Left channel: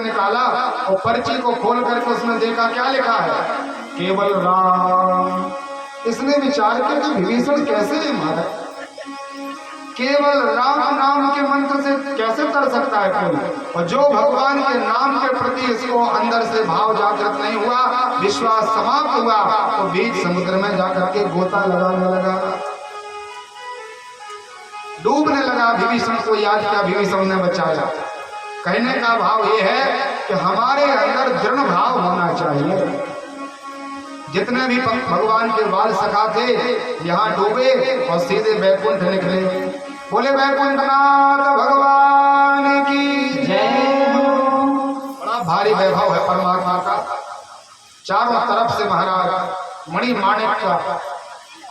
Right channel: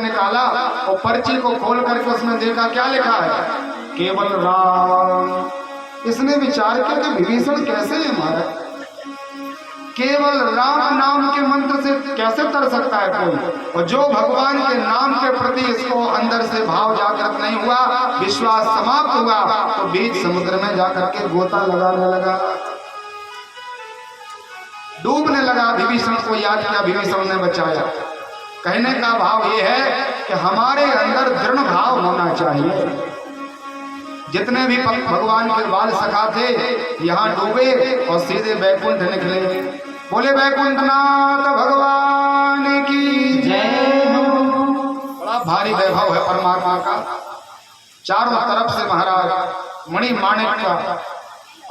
निकाला और पर्ची को खोल करके उसमें देखा क्या लिखा है, केवल राम। इसने विचार किया कि विभीषण कैसे है महाराज, केवल राम नाम के मंत्र से कैसे तर सकता है कोई। और जो भगवान के नाम के प्रति इसको अंदर से भाव जागृत नहीं हुआ, विश्वास समाप्त हुआ, तो बीच समुद्र में जाकर के गोता लगाने लगा, डूबने लगा। विभीषण को याद किया, विभीषण ने बचाया। कहने का भाव यह है कि हमारे अंदर दृढ़ भाव होना चाहिए। जितने भी भगवान के बाल सखा थे यहाँ डूबे और सीधे बैकुंठ निकले। बोले बैकुंठनाथ भगवान की जय हो। बड़ा भारी वैभव है परमात्मा का। चारों तरफ से महाराज मणि माणिक का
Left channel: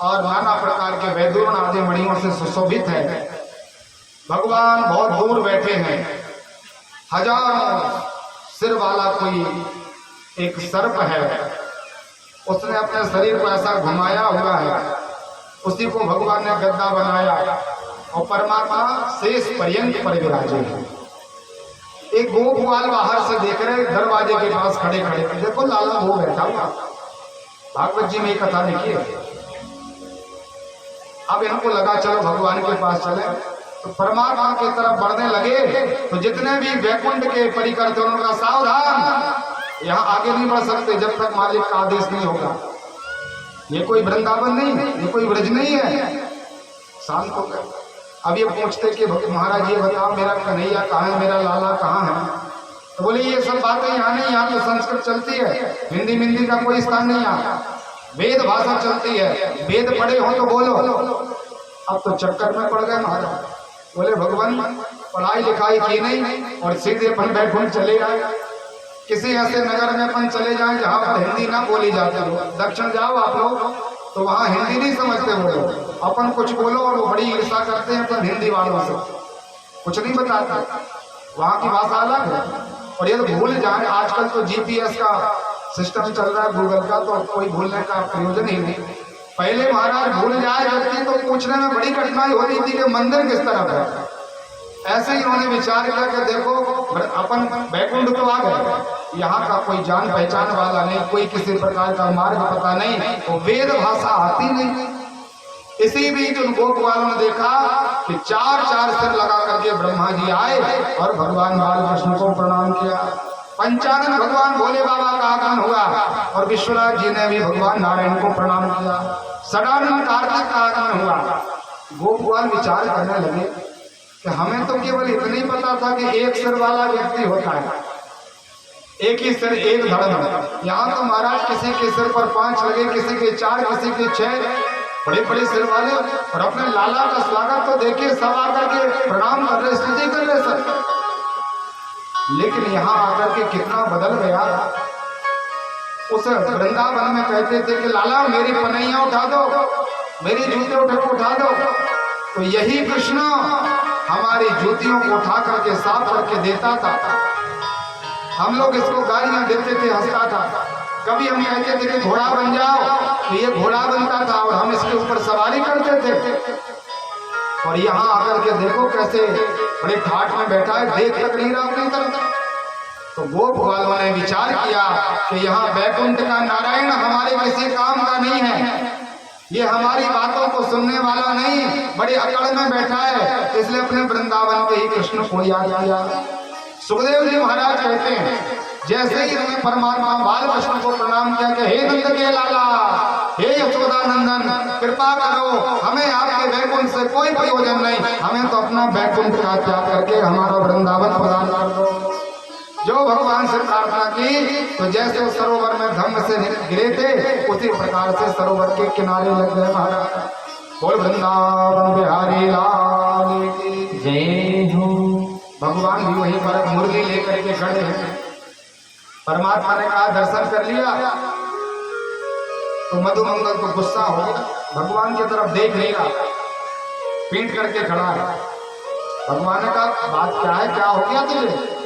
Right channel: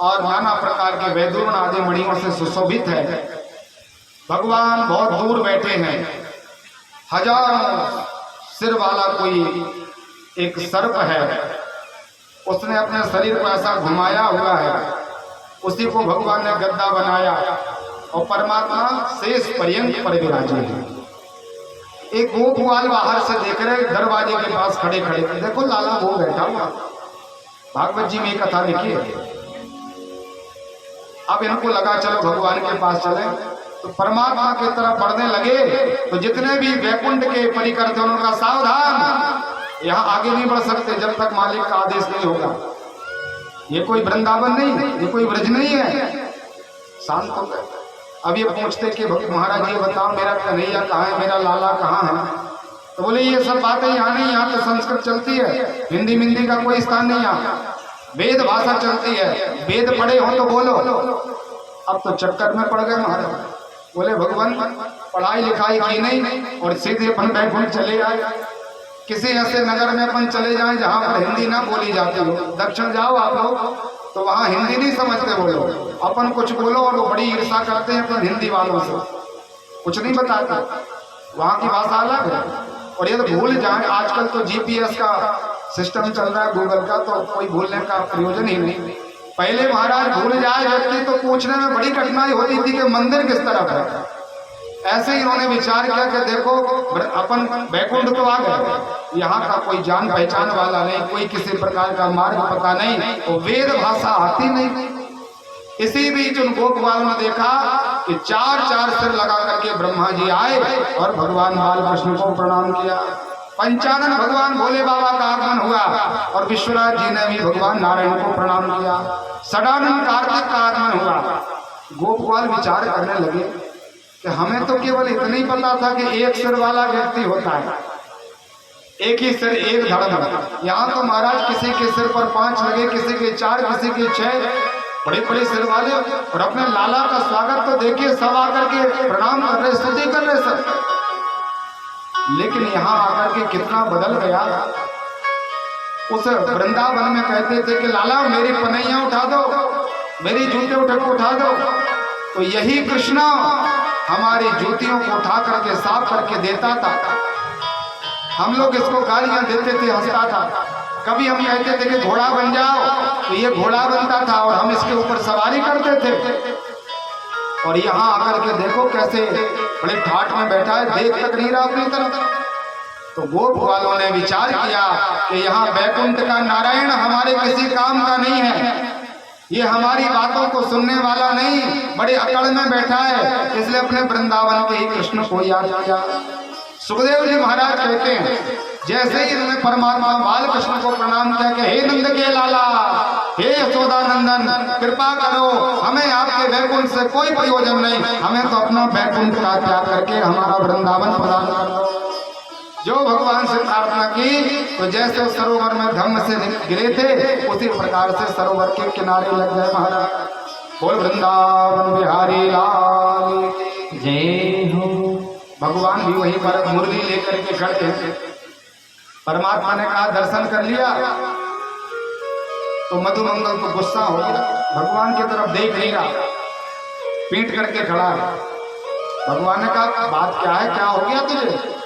और नाना प्रकार के वैदूर्ण आदि मणियों से सुशोभित है। भगवान बहुत दूर बैठे हैं। हजारों सिर वाला कोई एक सर्प है, उसने अपने शरीर को ऐसा घुमाया हुआ है, उसी को भगवान ने गद्दा बनाया और परमात्मा शेष पर्यंत पर विराजे हैं। एक गोपवाल बाहर से देख रहे, दरवाजे के पास खड़े खड़े, देखो लाला वो बैठा हुआ। भागवत जी में एक कथा लिखी है। अब इनको लगा चलो भगवान के पास चले, तो परमात्मा की तरफ बढ़ने लगे। तो जितने भी वैकुंठ के परिकर थे उनका सावधान, यहाँ आगे नहीं बढ़ सकते जब तक मालिक का आदेश नहीं होगा। ये कोई वृंदावन नहीं, ये कोई ब्रज नहीं है। शांत हो गए। अब ये पूछते कि महाराज ये बताओ मेरा कन्हैया कहाँ है, मेरा लाला कहाँ है। तो बोले ये सब बातें यहाँ नहीं, यहाँ तो संस्कृत चलती है, हिंदी मिंदी का कोई स्थान नहीं, यहाँ वेद भाषा चलती है। वेद पढ़े हो तो बोलो। अब तो चक्कर में पड़ गए महाराज। बोले भगवान पढ़ाई लिखाई की नहीं और सीधे अपन बैकुंठ चले आए। किसी ऐसे नगर में अपन चले जाएं जहां पर हिंदी ना बोली जाती हो। दक्षिण जाओ आप लोग तो वहां हिंदी नहीं समझते वो लोग। अपन कुछ बोलो और वो बड़ी ईर्ष्या करते हैं अपन हिंदी वालों से, कुछ नहीं बताते। वहां की भाषा अलग है। और ये तो भूल जाए, आजकल तो जीपीएस का सिस्टम चल रहा है गूगल का, तो कोई भूलने का प्रयोजन ही नहीं। पहले महाराज भूल जाए व्यक्ति तो पूछने में बड़ी कठिनाई होती थी कि मंदिर किस तरफ है। ऐसे ही उन्होंने विचार किया कि देखो अपन बैकुंठ तो आ गए, यहाँ का कोई जान पहचान वाला नहीं, कोई किसी प्रकार का मार्ग पता नहीं, तो वेद भाषा आती नहीं। इसी बीच उन गोपवालों ने देखा कि चार चार सिर लगा करके ब्रह्मा जी आए और भगवान बालकृष्ण को प्रणाम किया। पंचानन भगवान भोले बाबा का आगमन हुआ और विश्वनाथ जी ने भी भगवान नारायण को प्रणाम किया। सदानंद कार्तिक का आगमन हुआ। गोपवाल विचार करने लगे कि हमें तो केवल इतना ही पता था कि एक सिर वाला व्यक्ति होता है, एक ही सिर एक धर्म। यहाँ तो महाराज किसी के सिर पर 5 लगे, किसी के 4, किसी के 6, बड़े बड़े सिर वाले। और अपने लाला का स्वागत तो देखिए, सब आकर के प्रणाम कर रहे, स्तुति कर रहे सर। लेकिन यहाँ आकर के कितना बदल गया। उस वृंदावन में कहते थे कि लाला मेरी पनैया उठा दो, मेरी जूते उठा दो, तो यही कृष्ण हमारी जूतियों को उठा करके साफ करके देता था। हम लोग इसको गालियां देते थे, हंसता था। कभी हम कहते थे कि घोड़ा बन जाओ, तो ये घोड़ा बनता था और हम इसके ऊपर सवारी करते थे। और यहाँ आकर के देखो कैसे बड़े ठाठ में बैठा है, देख तक नहीं रहा अपनी तरफ। तो गोप वालों ने विचार किया कि यहाँ बैकुंठ का नारायण हमारे किसी काम का नहीं है, ये हमारी बातों को सुनने वाला नहीं, बड़े अकड़ में बैठा है, इसलिए अपने वृंदावन के ही कृष्ण को याद किया। सुखदेव जी महाराज कहते हैं जैसे ही इन्होंने परमात्मा बालकृष्ण को प्रणाम किया कि हे नंद के लाला, हे यशोदा नंदन, कृपा करो, हमें आपके बैकुंठ से कोई प्रयोजन नहीं, हमें तो अपना बैकुंठ का त्याग करके हमारा वृंदावन प्रदान कर दो। जो भगवान से प्रार्थना की तो जैसे उस सरोवर में धम्म से गिरे थे उसी प्रकार से सरोवर के किनारे लग गए महाराज। बोल वृंदावन बिहारी लाल की जय हो। भगवान भी वहीं पर मुरली लेकर के खड़े हैं। परमात्मा ने कहा दर्शन कर लिया तो मधुमंगल को गुस्सा हो गया, भगवान की तरफ देख नहीं रहा, पीट करके खड़ा है। भगवान ने कहा बात क्या है, क्या हो गया तुझे?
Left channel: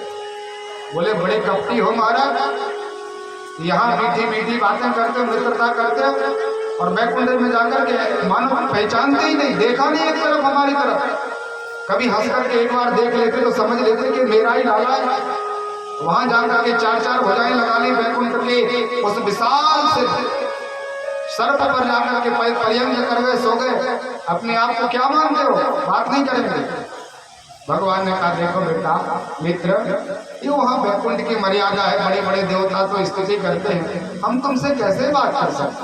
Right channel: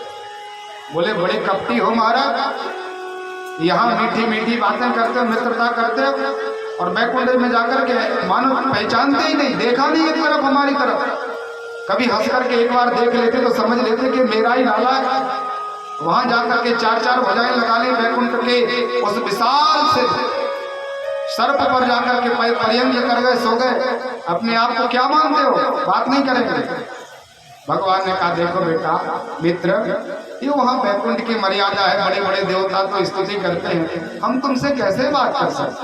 बोले बड़े कपटी हो महाराज, यहाँ मीठी मीठी बातें करते हो, मित्रता करते हो, और बैकुंठ में जाकर के मानो पहचानते ही नहीं, देखा नहीं एक तरफ हमारी तरफ। कभी हंस करके एक बार देख लेते तो समझ लेते कि मेरा ही लाला है, वहां जाकर के चार चार भुजाएं लगा ली वैकुंठ के उस विशाल से सर्प पर जाकर के पैर पर्यंत कर गए, सो गए। अपने आप को क्या मानते हो, बात नहीं करेंगे। भगवान ने कहा देखो बेटा मित्र, ये वहां वैकुंठ की मर्यादा है, बड़े बड़े देवता तो स्तुति करते हैं, हम तुमसे कैसे बात कर सकते।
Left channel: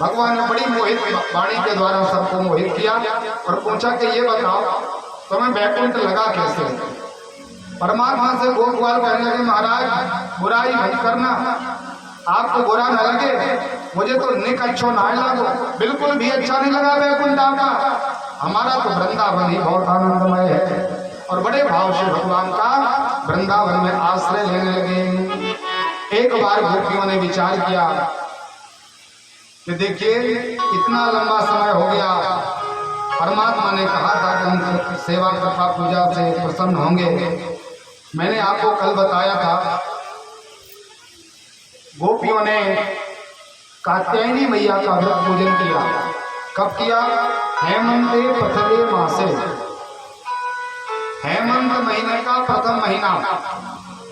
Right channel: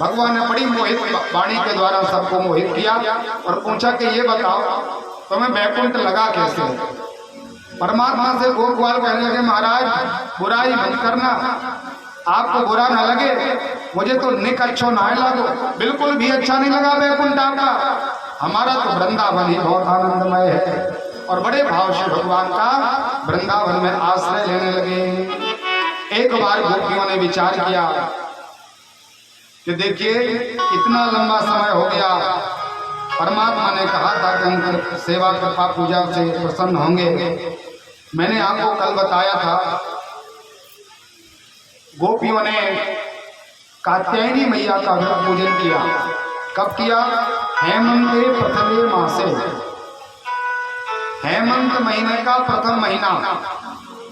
भगवान ने बड़ी मोहित वाणी के द्वारा सबको मोहित किया और पूछा कि ये बताओ तुम्हें वैकुंठ लगा कैसे। परमात्मा से गोपवाल कहने लगे महाराज बुराई मत करना, आपको बुरा न लगे, मुझे तो निक अच्छा ना लगा, बिल्कुल भी अच्छा नहीं लगा वैकुंठ आपका, हमारा तो वृंदावन ही बहुत आनंदमय है। और बड़े भाव से भगवान का वृंदावन में आश्रय लेने लगे। एक बार गोपियों ने विचार किया कि देखिए इतना लंबा समय हो गया, परमात्मा ने कहा था कि हम सेवा कृपा पूजा से प्रसन्न होंगे। मैंने आपको कल बताया था गोपियों ने कात्यायनी मैया का व्रत पूजन किया। कब किया? हेमंत प्रथमे मासे, हेमंत महीने का प्रथम महीना।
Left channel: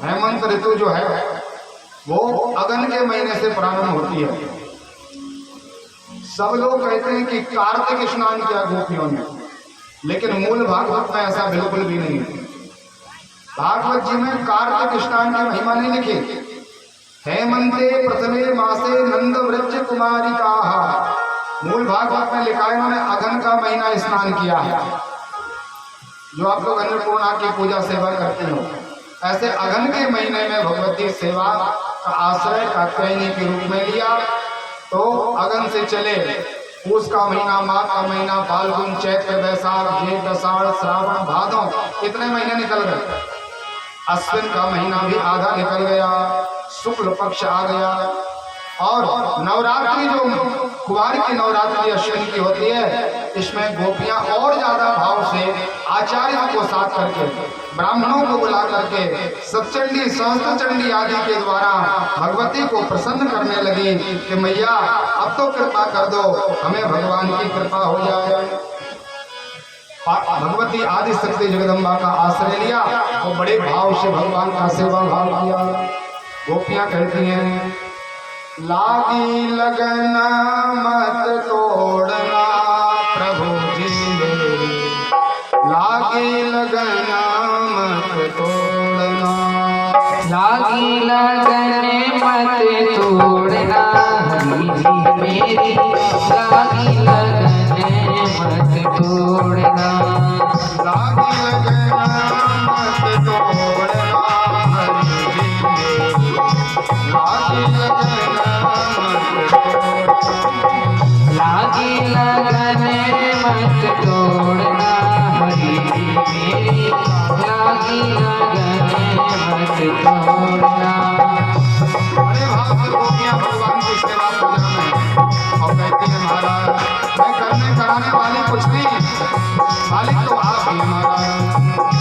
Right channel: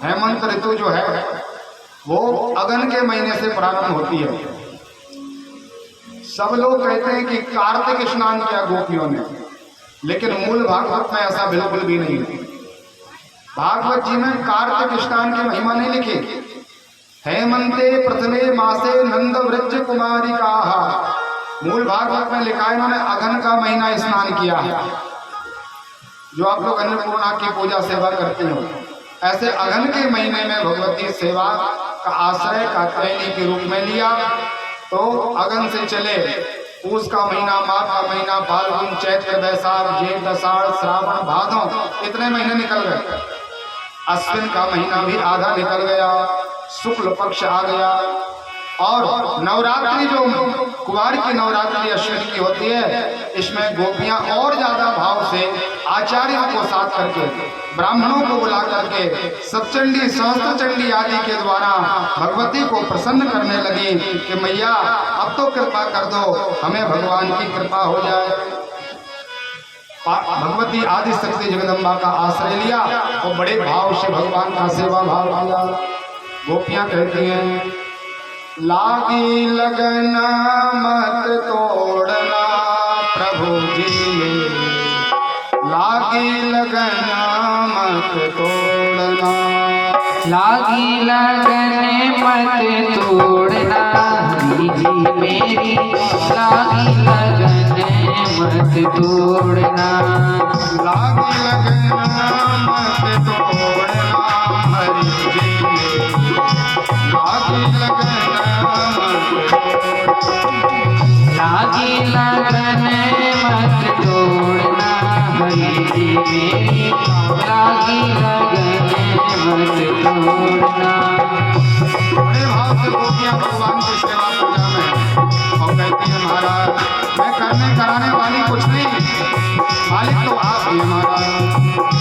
हेमंत ऋतु जो है वो अगन के महीने से प्रारंभ होती है। सब लोग कहते हैं कि कार्तिक स्नान किया गोपियों ने, लेकिन मूल भागवत में ऐसा बिल्कुल भी नहीं है। भागवत जी में कार्तिक स्नान की महिमा नहीं लिखी। हेमंते प्रथमे मासे नंद वृक्ष कुमारी का, मूल भागवत में लिखा है इन्होंने अगन का महीना स्नान किया है। जो आप लोग अन्नपूर्णा की पूजा सेवा करते हो, ऐसे अगन के महीने में भगवती सेवा का आश्रय कात्यायनी के रूप में लिया। तो अगन से चले पूस का महीना, माघ का महीना, फाल्गुन, चैत्र, बैसाख, जेठ, आषाढ़, श्रावण, भादौ, इतने महीने निकल गए। अश्विन का महीना भी आधा निकल गया, शुक्ल पक्ष आ गया। और नवरात्रि जो कुंवार की नवरात्रि अश्विन की होती है, इसमें गोपियां और ज्यादा भाव से आचार्यों को साथ करके, ब्राह्मणों को बुला करके सप्तचंडी, सहस्त्रचंडी आदि के द्वारा भगवती को प्रसन्न करने लगी कि मैया अब तो कृपा कर दो, हमें भगवान की कृपा हो जाए। भगवती आदि शक्ति जगदम्बा का आश्रय लिया और बड़े भाव से भगवान का सेवा भाव किया। गोपियां कहती हैं लागी लगन मत तोड़ना प्रभु जी, लागी लगन मत तोड़ना, लागी लगन मत तोड़ना हरि जी मेरी, लागी लगन मत तोड़ना, लागी लगन मत तोड़ना हरि जी मेरी, लागी लगन लागी लगन मत तोड़ना हरि जी मेरी, लागी लगन मत तोड़ना। बड़े भाव से गोपियां भगवान की सेवा पूजा में और कहती है महाराज मैं करने कराने वाली कुछ नहीं, मालिक तो आप ही महाराज।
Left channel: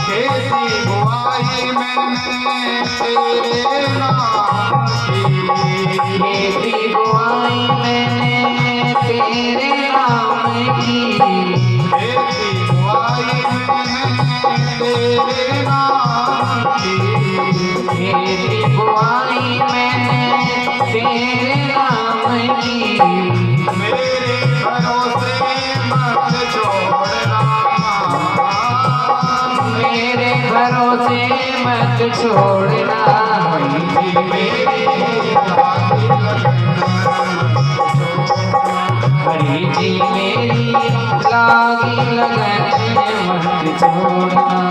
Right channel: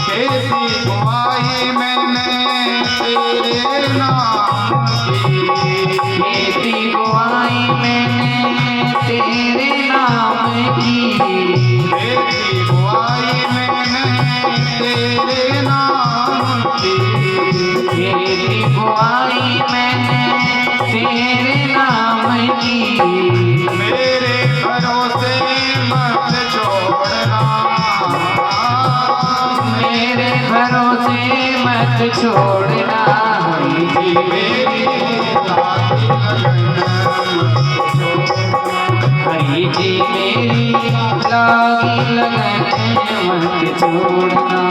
खेती बुआई मैंने तेरे नाम की, खेती बुआई मैंने तेरे नाम की, खेती बुआई मैंने तेरे नाम की, खेती बुआई मैंने तेरे नाम की, मेरे भरोसे मत छोड़ना, मेरे भरोसे मत छोड़ना हरि जी मेरी, हरि जी मेरी, लागी लगन मत छोड़ना।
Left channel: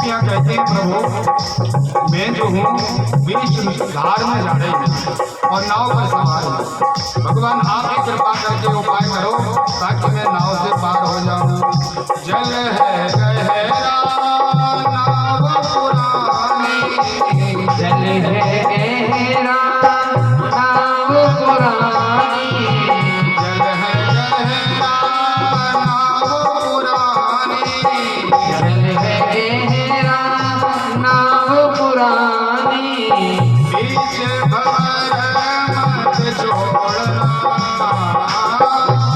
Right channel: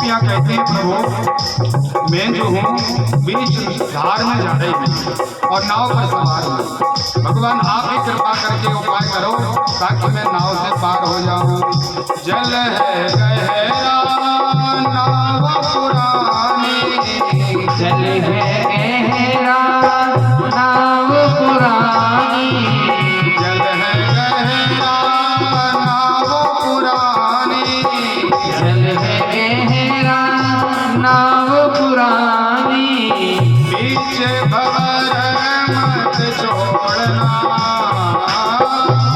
गोपियां कहती हैं प्रभु मैं जो हूँ बीच धार में जा रही हूँ और नाव पर सवार हूँ, भगवान आप ही कृपा करके उपाय करो ताकि मैं नाव से पार हो जाऊं। जल है गहरा नाव पुरानी, जल है गहरा नाव पुरानी, जल है गहरा नाव पुरानी, जल है गहरा नाव पुरानी, बीच भंवर मत छोड़ना,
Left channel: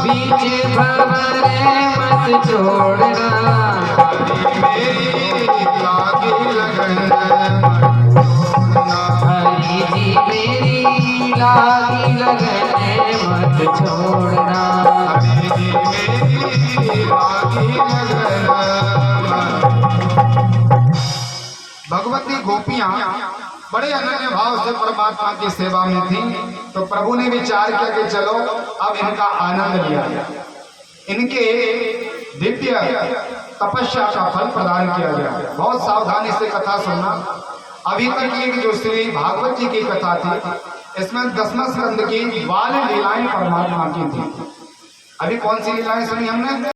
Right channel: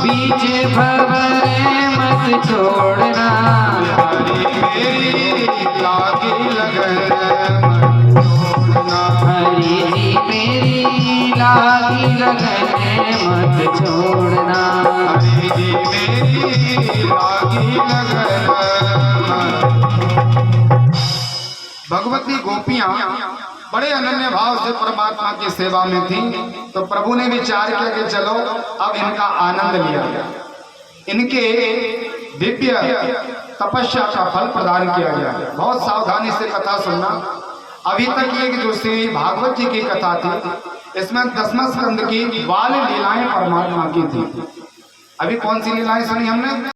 बीच भंवर मत छोड़ना, मेरी लागी लगन हरि जी मेरी लागी लगन मत छोड़ना, हरि जी मेरी लागी लगन। भगवती गोपियां बड़े अनन्य भाव से परमात्मा की सेवा में थी, तो प्रभु ने विचार किया कि चलो अब इनका आनंद लिया गया, इनके दिव्य तपस्या का फल प्रदान किया गया। बहुत सावधानी से कथा सुनना। अभी तक ये जो श्री भागवत जी की कथा थी इसमें 10वें स्कंद की बाल लीलाएं परमात्मा की थी। अभी कौन सी लीलाएं सुनी हमने?